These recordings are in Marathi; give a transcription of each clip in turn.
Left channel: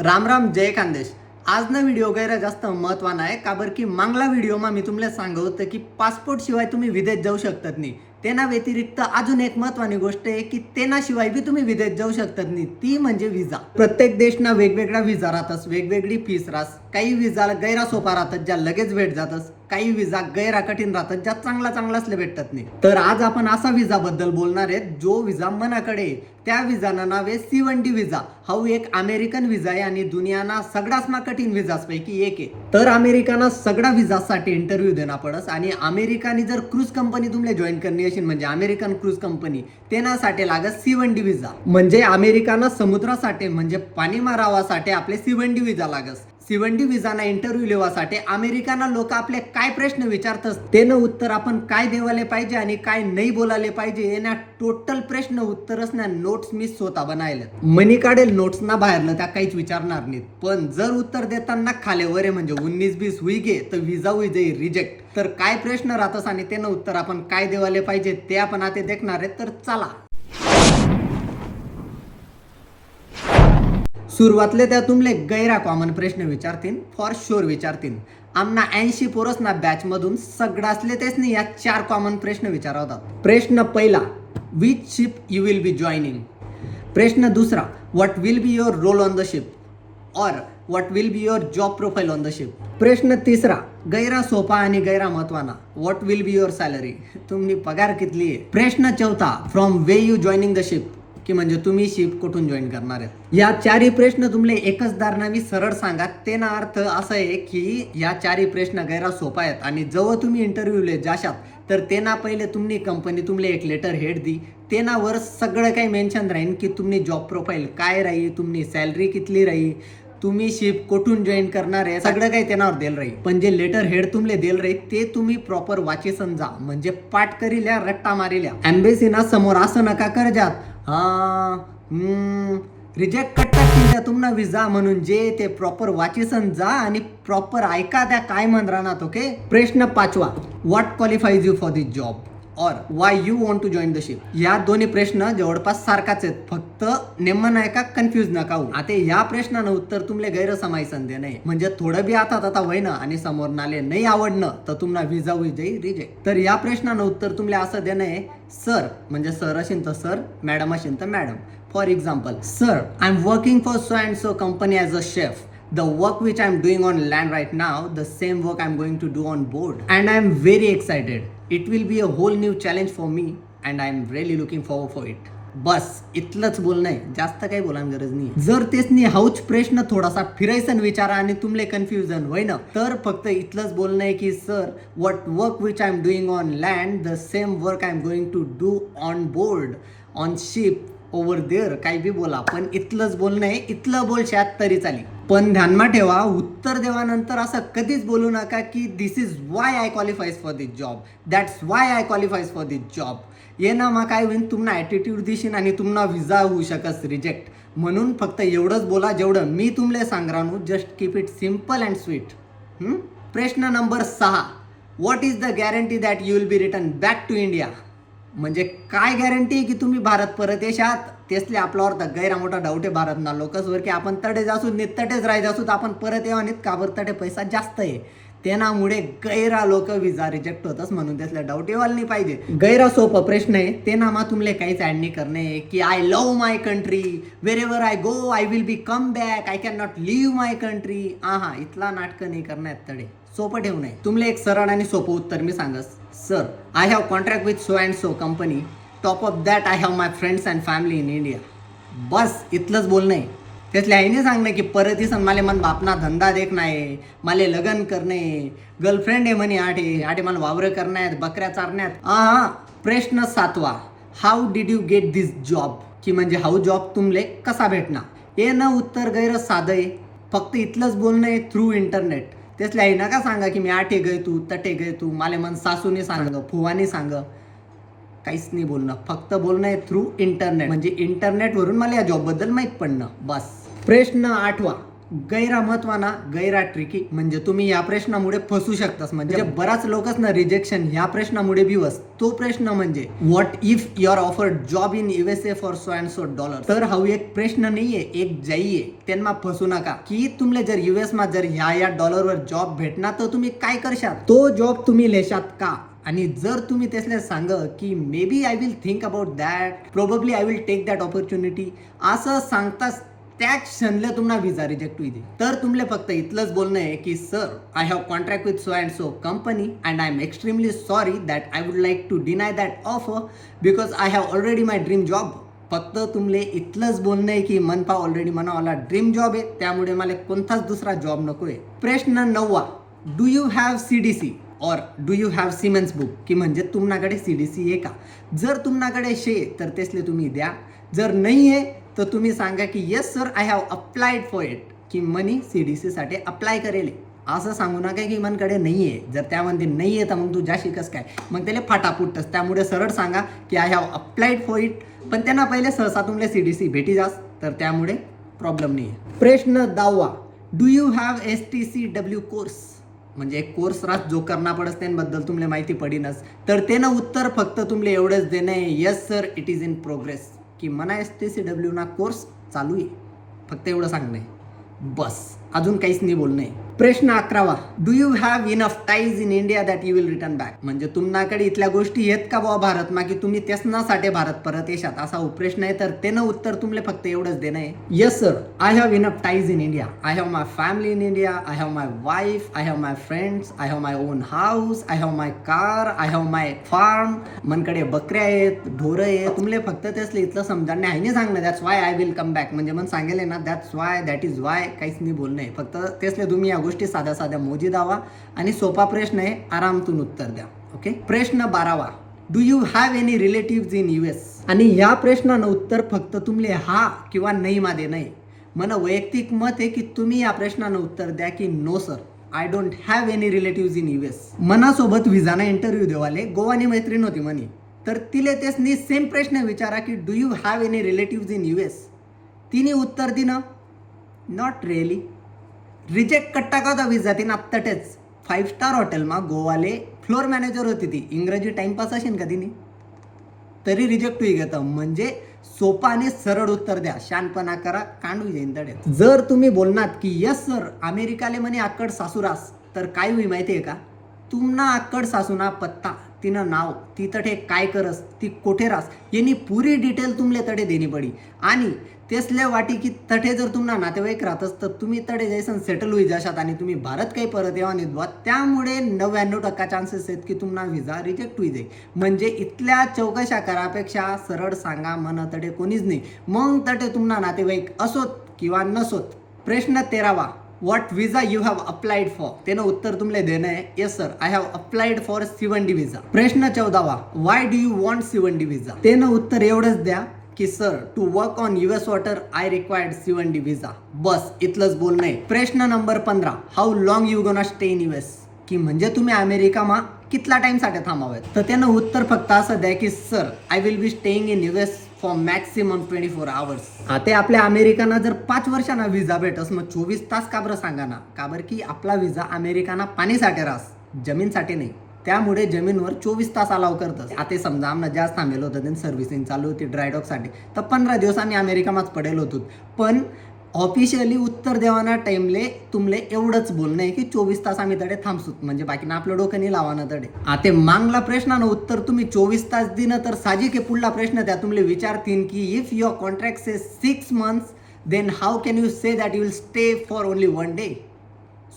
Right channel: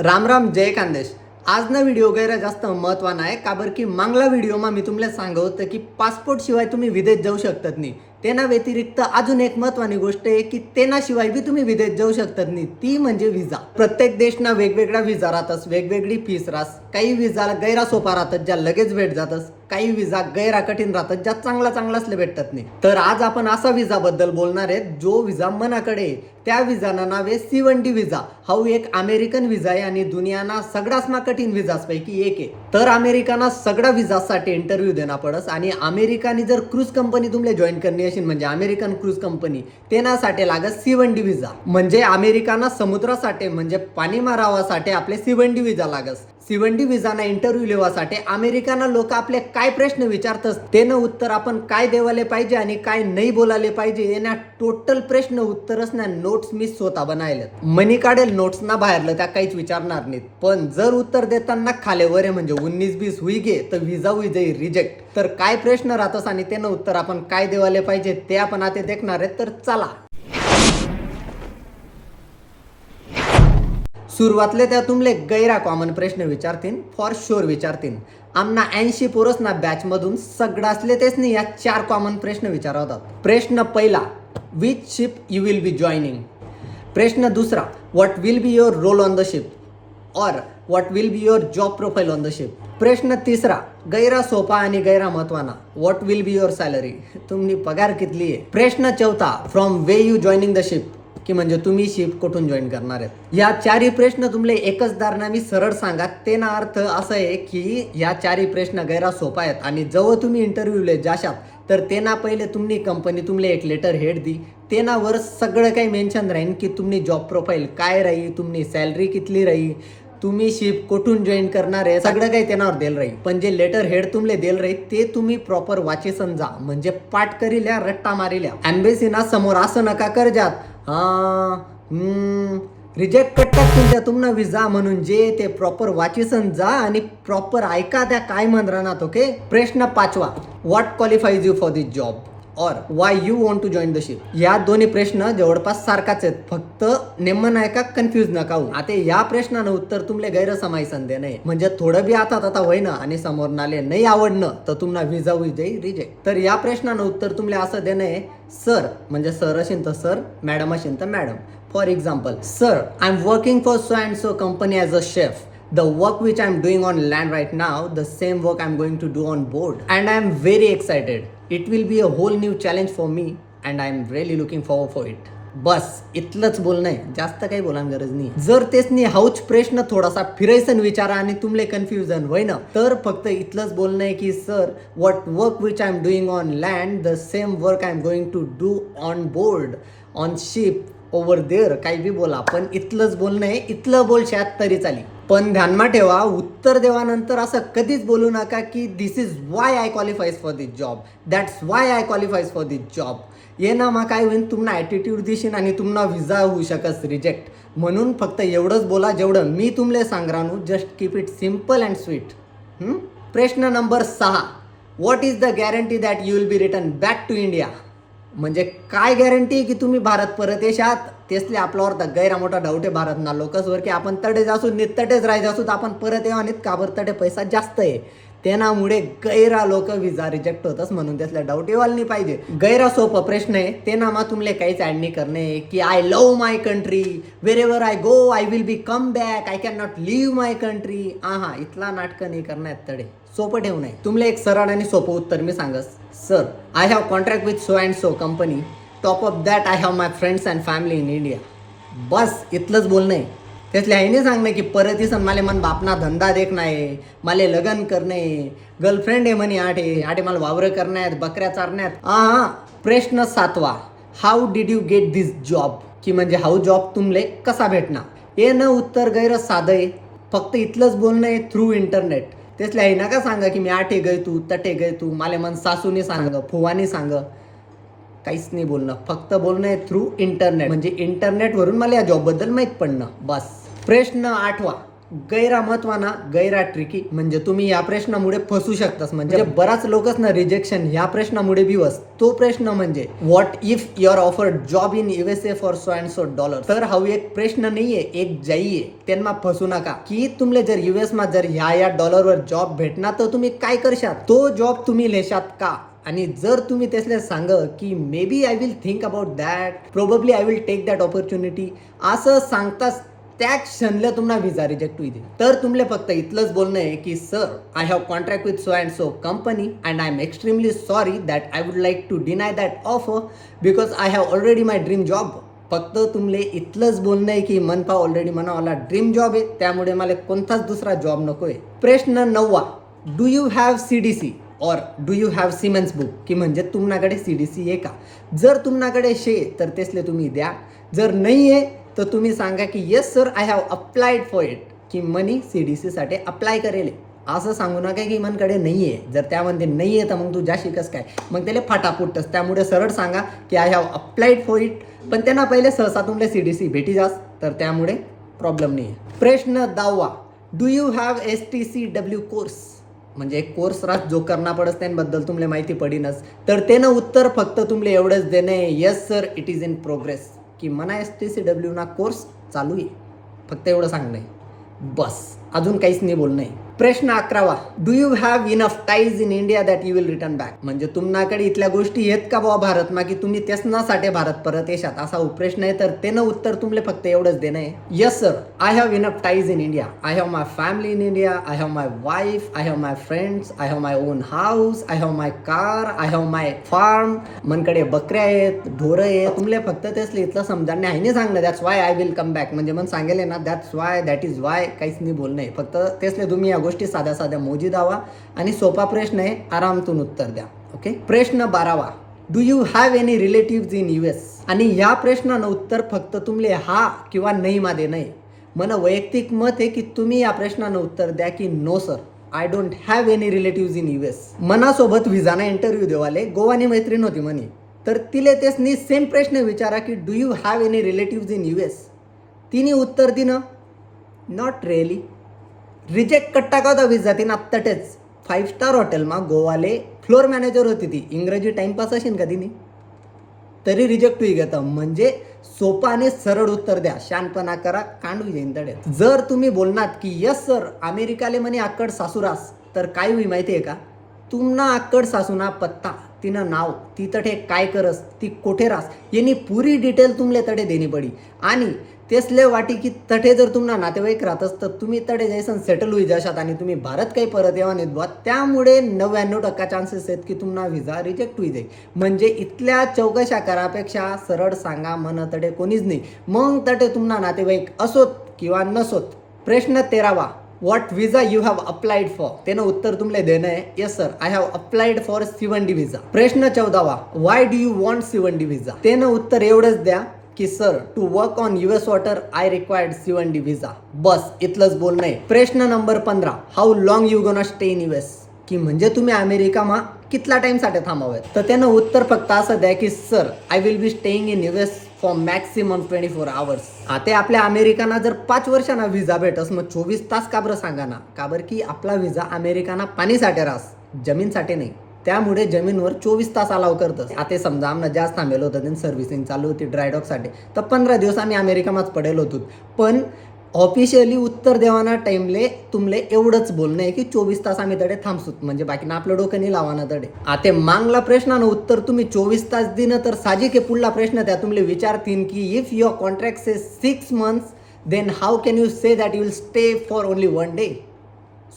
राम राम जय खानदेश. आज ना व्हिडिओ गैरा जास्त महत्वाना आहे का बरं की मागला व्हिडिओमा मी तुम्हाला सांगत की पासपोर्ट शिवाय तुम्ही विदेश जाऊ शकतात नाही. तेना व्यतिरिक्त अजून एक महत्वाची गोष्ट आहे की तेनाशिवाय बी तुम्ही विदेश जाऊ शकतात नाही, ती म्हणजे विजा. प्रत्येक देशना वेगवेगळा विजा राहतस, वेगवेगळी फीस राहस. काही विजा गैरा सोपा राहतात ज्या लगेच भेट जातस, काही विजा गैरा कठीण राहतात ज्या चांगलाच भेटतात नाही. तर आज आपण असा विजा बद्दल बोलणार आहेत जो विजा मनाकडे आहे. त्या विजाना नाव आहे C1D विजा. हा एक अमेरिकन विजा आहे आणि दुनियाना सगळ्यात कठीण विजापैकी एक आहे. तर अमेरिकाना सगळ्या विजासाठी इंटरव्ह्यू देना पडस आणि अमेरिकानी जर क्रूज कंपनी तुम्हाला जॉईन करणी असेल म्हणजे अमेरिकन क्रूज कंपनी तेनासाठी लागत C1D विजा. म्हणजे अमेरिकाना समुद्रासाठी म्हणजे पाणी मारावासाठी आपले C1D विजा लागस. C1D विजाना इंटरव्ह्यू लेवासाठी अमेरिकाना लोक आपले काय प्रश्न विचारतात तेनं उत्तर आपण काय देवाले पाहिजे आणि काय नाही बोलायला पाहिजे येण्या टोटल प्रश्न उत्तरच ना नोट्स मी स्वतः बनायले. मनी काढेल नोट्स ना बाहेरलं त्या काहीच विचारणार नाहीत, पण जर उत्तर देताना खाले वरे म्हणजे 19-20 हुई गे तर विजा हुई जाई रिजेक्ट. तर काय प्रश्न राहतस आणि त्यानं उत्तर आपण काय देवाले पाहिजे ते आपण आता देखणार आहे. तर चला सुरुवातले त्या तुमले गैरा कॉमन प्रश्न विचारतील, फॉर शुअर विचारतील. आमना 80 पोरसना बॅच मधून सगळ्यातले तेच नाही या 4 कॉमन प्रश्न विचारवतात. प्रश्न पहिला, which ship you will be joining. प्रश्न दुसरा, what will be your role on the ship और what will be your job profile on the ship. प्रश्न तिसरा, गैरा सोपा आणि गैरा महत्वाना, what will be your salary, तुम्ही पगार कितली आहे. प्रश्न चौथा, from way you joining the ship, की म्हणजे तुम्ही शिप कुठून जॉईन करणार आहेत. या 4 प्रश्न तुमले एकच दारनामी सरळ सांगा. तेना अर्थ असा आहे की या 4 प्रश्न गैरा सोपा आहेत आणि जेव्हा तुम्ही इंटरव्ह्यूले जाशात तर तेना पहिले तुम्ही कंपनी तुमले एक लेटर हेड दी. तेनावर सगळं काही मेन्शन राहील की तुम्ही जॉब प्रोफाईल काय राही, तुम्ही सॅलरी कितली राही, तुम्ही शिप कुठून जॉईन करणार आहे, सगळं काही त्यांनावर देल राहील. पण जे लेटर हेड तुमले देल राहील ते तुम्ही प्रॉपर वाची समजा, म्हणजे पाठ करील्या रट्टा मारिल्या. एम्बेसीना समोर असं नका कर जात रिजेक्ट करतात तुम्हाला विजा म्हणून. जे ते प्रॉपर वाचीसन जा आणि प्रॉपर ऐका त्या काय म्हण राहणार. ओके. प्रश्न पाचवा, what qualifies you for this job और why you want to join the ship. या दोन्ही प्रश्न जवळपास सारखाच आहेत, फक्त नेमन आहे का कन्फ्युज नका होऊ. आता या प्रश्नानं उत्तर तुमले गैरसमाईसन दे नाही, म्हणजे थोडं बी आता होईना आणि समोर नाले नाही आवडणं तर तुम्हाला विजा होई जाई रिजेक्ट. तर या प्रश्नानं उत्तर तुमले असं देणं आहे, सर म्हणजे सर असेल तर सर, मॅडम असेल तर madam. For example, sir I am working for so and so company as a chef. The work which I'm doing on land right now, the same work I'm going to do on board. And I'm very excited. It will be a whole new challenge for me and I'm really looking forward for it. बस इतलंच बोलणं आहे, जास्त काही बोलायला गरज नाही. जर तेच हाऊच प्रश्न थोडासा फिरायसन विचारा आणि तुमले कन्फ्युजन होय ना तर फक्त इतलंच बोलणं आहे की sir what work which I am doing on land the same work I am going to do on board on ship over there. काही बी बोला पण इतलंच बोलणं आहे, इतलं बोलशात तरी चाली. पण ध्यानमा ठेवा, उत्तर देवानंतर असं कधीच बोलू नका की this is why I qualifies for this job, that's why I qualifies for this job. ये ना मग काय होईल, तुम्हाला ॲटिट्यूड दिसेन आणि तुम्हाला विजा होऊ शकस रिजेक्ट. म्हणून फक्त एवढंच बोला जेवढं मी तुमले सांगरानू. Just keep it simple and sweet. प्रश्न नंबर 6, what is the guarantee that you will be return back to India. म्हणजे काय गॅरंटी आहे की तुम्ही भारत परत येशात. तेसले आपल्यावर तर गैरा मोठा डाऊट आहे भारतना लोकसवर की आपण तडे जासू तटेच राहायचं असू तर आपण परत येवा नाहीत का बरं, तटे पैसा जास्त आहे तेनामुळे गैरा लोक विजा रिजेक्ट होतच, म्हणून त्यातल्या डाऊट येवायला नाही पाहिजे. गैरा सोपं प्रश्न आहे ते नामा तुमले काहीच ऍड नाही करणे की I love my country, wherever I go I will be come back, I can not live my country. इथला नाटक नाही करण्यात तडे. सोपं ठेवू नये. तुमले एक सरळ आणि सोपं उत्तर मी सांगस. Sir I have contract with so and so company, top of that I have my friends and family in India. बस इतलंच बोलणं आहे. त्यातल्या आईने सांगणं की परत इसन मला मन बापना धंदा देख नाही, मला लग्न करणे, गर्लफ्रेंड आहे म्हणे आठे मला वावरं करण्यात, बकऱ्या चारण्यात. प्रश्न 7वा, how did you get this job, की म्हणजे हाऊ जॉब तुमले कसा भेटणार. हे न उत्तर गैर साधं आहे, फक्त इतलंच बोलणं आहे, थ्रू इंटरनेट. त्यातल्या आई नका सांगा की मी आठे गय तू तटे गय तू, मला मन सासूने सांग फुवानी सांग. काहीच नाही बोलणं, फक्त बोलणं आहे थ्रू इंटरनेट. म्हणजे इंटरनेटवरून मला या जॉबबद्दल माहीत पडणं बस. प्रश्न 8वा, गैरा महत्वाना गैरा ट्रिकी म्हणजे तुम्ही या प्रश्नामुळे फसू शकतास. म्हणजे बराच लोकच ना रिजेक्शन ह्या प्रश्नामुळे बिवस. तो प्रश्न म्हणजे what if you are offered job in USA for so and so dollar. तर हा एक प्रश्न नाहीये, एक जाई आहे. त्यांना फसू नका की तुमले जर US मा जर ह्या डॉलरवर जॉब भेटणार तर तुम्ही काय करशात, तो जॉब तुम्ही लेशात का. आणि जर तुम्ही त्यासले सांग की maybe I will think about that, probably I will take that opportunity असं सांगताच त्या क्षणला तुम्हाला व्हिसा रिजेक्ट होईल. तर तुमले फक्त इतलंच बोलणं आहे की sir I have contract with so and so company and I am extremely sorry that I would like to deny that offer because I have already my dream job. फक्त तुमले इतलंच बोलणं आहे की मनपा ऑलरेडी मला ड्रीम जॉब आहे, त्यामुळे मला कोणताच दुसरा जॉब नको आहे. प्रश्न 9, डू यू हॅव CDC और do you have Siemens book, की म्हणजे तुमच्याकडे CDC आहे का. जर तुमच्याकडे शे तर तेसले तुम्ही द्या, जर नाही आहे तर तुम्ही सांगा की yes sir I have applied for it, की मनी CDC साठी अप्लाय करेल. असं सांगू नका की मनकडे नाही आहे. जर त्यामध्ये नाही आहे तर मग तू जा शिकस काय, मग त्याला फाटाफुटतस. त्यामुळे सरळ सांगा की I have applied for it, पण त्यांना पहिले सहसा तुमले CDC भेटी जास, तर त्यामुळे प्रॉब्लेम नाही आहे. प्रश्न 10, do you have STCW course, म्हणजे एक कोर्स रास जो करना पडस त्यांबद्दल तुम्हाला माहिती पडीनच. तर त्यानं उत्तर फक्त तुमले एवढंच देणं आहे, yes sir it is in progress, की मना STCW ना कोर्स चालू आहे. फक्त एवढं सांगणं आहे बस, अजून काहीच नाही बोलणं आहे. प्रश्न 11, do you have enough ties in India that you will return back, म्हणजे तुमच्याकडे इथल्या गोष्टी आहेत का बाबा भारतमा की तुम्ही त्यासनासाठी भारत परत येशात, असा प्रश्न आहे. तर त्यानं उत्तर तुमले फक्त एवढंच देणं आहे, yes sir I have enough ties in India, I have my family in India, I have my wife, I have my friends, I have my own house, I have my car, I have my farm. मनकडे बकऱ्या आहेत, ढोरं आहे, तुमले फक्त त्यासले इथलं समजाने आहे नाही सांगणं that's why I will come back, म्हणजे मन सांगेल ना that's why that is why, काहीच नाही बोलणं आहे. फक्त त्यासले तुम्ही या गोष्टी साध्या साध्या मोजी दावा आणि सोपा प्रश्न आहे, आरामतून उत्तर द्या. ओके. प्रश्न 12, do you have any relative in US, आणि ह्या प्रश्नानं उत्तर फक्त तुमले हा किंवा नाही मध्ये नाही. मला वैयक्तिक मत आहे की तुम्ही या प्रश्नानं उत्तर द्या की no sir I don't have any relative in US. मनासोबत व्हिजाना इंटरव्ह्यू देवाले गोवानी मैत्रीण होती म्हणे, तर तिले तेसनी सेम प्रश्न विचारा की do you have any relative in US. तिने उत्तर दिनं नॉट रिअली. रिजेक्ट कट्टा का होता विजा तिनं आत्ताटेच 5 स्टार हॉटेलमा गोवाले फ्लोर मॅनेजर होती ती. इंग्रजी टाइमपास असेल का तिने, तरी रिजेक्ट होई घेतं. म्हणजे सोपा आणि सरळ उत्तर द्या, शानपणा करा, कांडू जाईन तडे. जर तुम्ही बोलनात की यस सर अमेरिकाले म्हणे आक्कड सासूरास, तर काय होई माहिती आहे का, तुमना आक्कड सासूना पत्ता, तिनं नाव, ती तठे काय करस, ती कोठे रास, यांनी पुरी डिटेल तुमले तडे देणी पडी. आणि तेसले वाटी की तठे जर तुम्हाला नातेवाईक राहतस तर तुम्ही तडे जायसन सेटल होई जाशात आणि तुम्ही भारत काही परत यावा नाही बुवा. त्यामुळे 99% चान्सेस आहेत की तुम्हाला व्हिसा रिजेक्ट होई जाईल. म्हणजे इथल्या चौकशा करापेक्षा सरळ सांगा मन तडे कोणीच नाही, मग तटे तुम्हाला नातेवाईक असोत किंवा नसोत. प्रश्न 13, what visa you have applied for, त्यानं उत्तर तुमले देणं आहे, yes sir I have applied for C1D visa. प्रश्न 14, why do you want C1D visa, त्यानं उत्तर एवढंच द्या की sir to work on US water I required C1D visa. बस इथलंच बोलणं आहे. प्रश्न नंबर 15, how long you gonna stay in US, की म्हणजे तुम्ही अमेरिकामा कितला टाइमसाठी थांबावेत. तर त्यानं उत्तर फक्त असं द्या की sir I will be staying in US for maximum 24 hours. आता आपल्या अमेरिकाना जर 5 वर्षांना व्हिसा भेटस मग 24 तास का बरं सांगा ना, का बरं की आपला व्हिसा अमेरिकाना पाणीसाठी रास, जमीनसाठी नाही. त्यामुळे जमीनवर 24 तास अलाव करतस. आता समजा आम्हाला जास्त थांबेल होतं, त्यांनी सर्व्हिसिंग चालू होती ड्रायडॉकसाठी, तर 15 दिवस आम्ही अमेरिकामाच पडेल होतो. पण ऑफिशियली उत्तर देवाना टाइमले तुमले एवढंच बोलणं आहे की 24 तास आम्ही तडे थांबसूत, म्हणजे बाकीना आपलं डोकं नाही लावाना तडे. आता मागला प्रश्नानं उत्तर तुम्ही 24 तास दिनं तर साजिक आहे पुढला प्रश्न त्या तुमले विचारतील की if your contract say 6 months then how can you say that you will stay for only 1 day.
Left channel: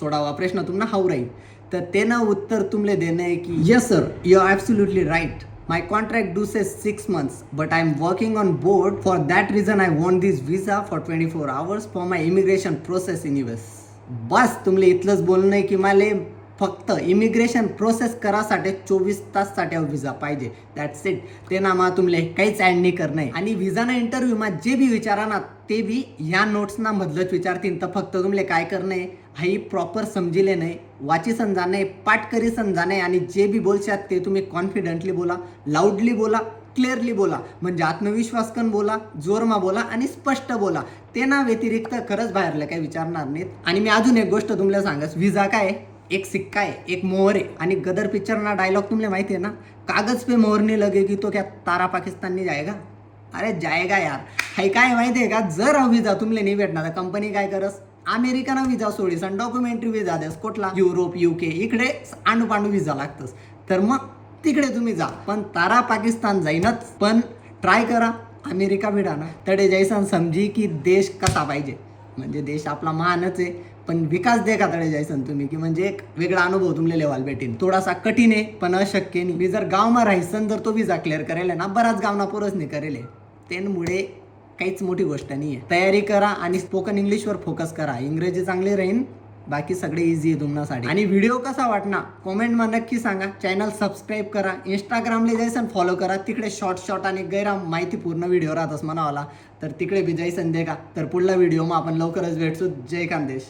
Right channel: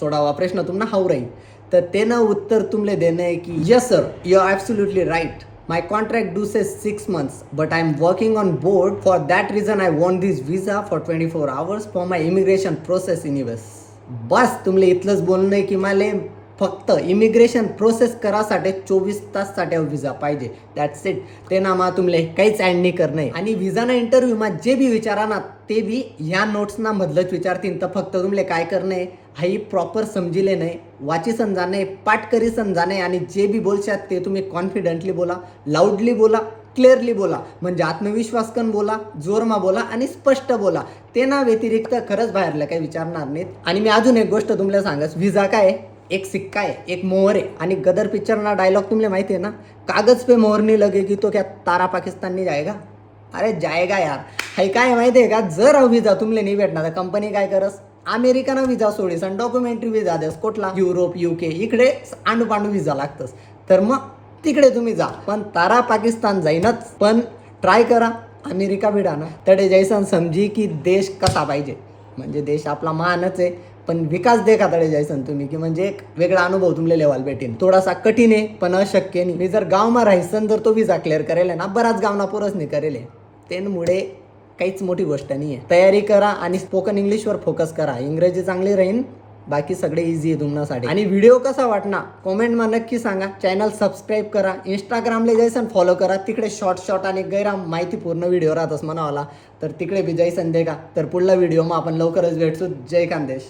16वा प्रश्न तुम्हाला हाऊ राहील. तर त्यानं उत्तर तुमले देणं आहे की yes sir you are absolutely right, my contract do say 6 months but I am working on board for that reason I want this visa for 24 hours for my immigration process in US. बस तुमले इथलंच बोलणं आहे की मला फक्त इमिग्रेशन प्रोसेस करासाठी 24 ताससाठी व्हिसा पाहिजे, दॅट्स इट. ते ना मा तुमले काहीच ॲड नाही करणं आहे. आणि व्हिसाना इंटरव्ह्यूमा जे बी विचारा ना ते बी ह्या नोट्सना मधलंच विचारतील. तर फक्त तुमले काय करणं आहे, हाई प्रॉपर समजिले नाही, वाची समजाने, पाठ करी समजाने, आणि जे बी बोलशात ते तुम्ही कॉन्फिडंटली बोला, लाऊडली बोला, क्लिअरली बोला, म्हणजे आत्मविश्वास कन बोला, जोरमा बोला आणि स्पष्ट बोला. ते ना व्यतिरिक्त खरंच बाहेरला काही विचारणार नाहीत. आणि मी अजून एक गोष्ट तुम्हाला सांगस, व्हिसा काय आहे? एक सिक्का आहे, एक मोहर आहे. आणि गदर पिक्चरना डायलॉग तुम्हाला माहिती आहे ना, कागज पे मोहर नहीं लगेगी तो क्या तारा पाकिस्तान नहीं जाएगा? अरे जाएगा यार. हे काय माहिती आहे का, जर व्हिसा तुम्हाला नाही भेटणार तर कंपनी काय करस, अमेरिकाना व्हिसा सोडीस आणि डॉक्युमेंटरी व्हिसा देस. कुठला? Europe, UK. इकडे आंडू व्हिसा लागतस. तर मग तिकडे तुम्ही जा, पण तारा पाकिस्तान जाईनच. पण ट्राय करा अमेरिका भिडा ना, तडे जैसन समजी की देश कसा पाहिजे. म्हणजे देश आपला महानच आहे, पण विकास देखा तडे जैसन तुम्ही, की म्हणजे एक वेगळा अनुभव तुमले लेवाल भेटेन. थोडासा कठीण आहे पण अशक्य नाही. मी जर गावमा राहायसन तर तो व्हिसा क्लिअर करेल ना, बराच गावना पुरच नाही करेल. त्यामुळे काहीच मोठी गोष्ट नाही आहे. तयारी करा आणि स्पोकन इंग्लिशवर फोकस करा. इंग्रजी चांगली राहीन, बाकी सगळे इझी आहे तुमच्यासाठी. आणि व्हिडिओ कसा वाटना कमेंटमा नक्की सांगा. चॅनल सबस्क्राईब करा, इंस्टाग्रामला जैसन फॉलो करा. तिकडे शॉर्ट आणि गैरा माहितीपूर्ण व्हिडिओ राहतस म्हणावाला, तर तिकडे बी जैसन देखा. तर पुढला व्हिडिओ मग आपण लवकरच भेटतो. जय खानदेश.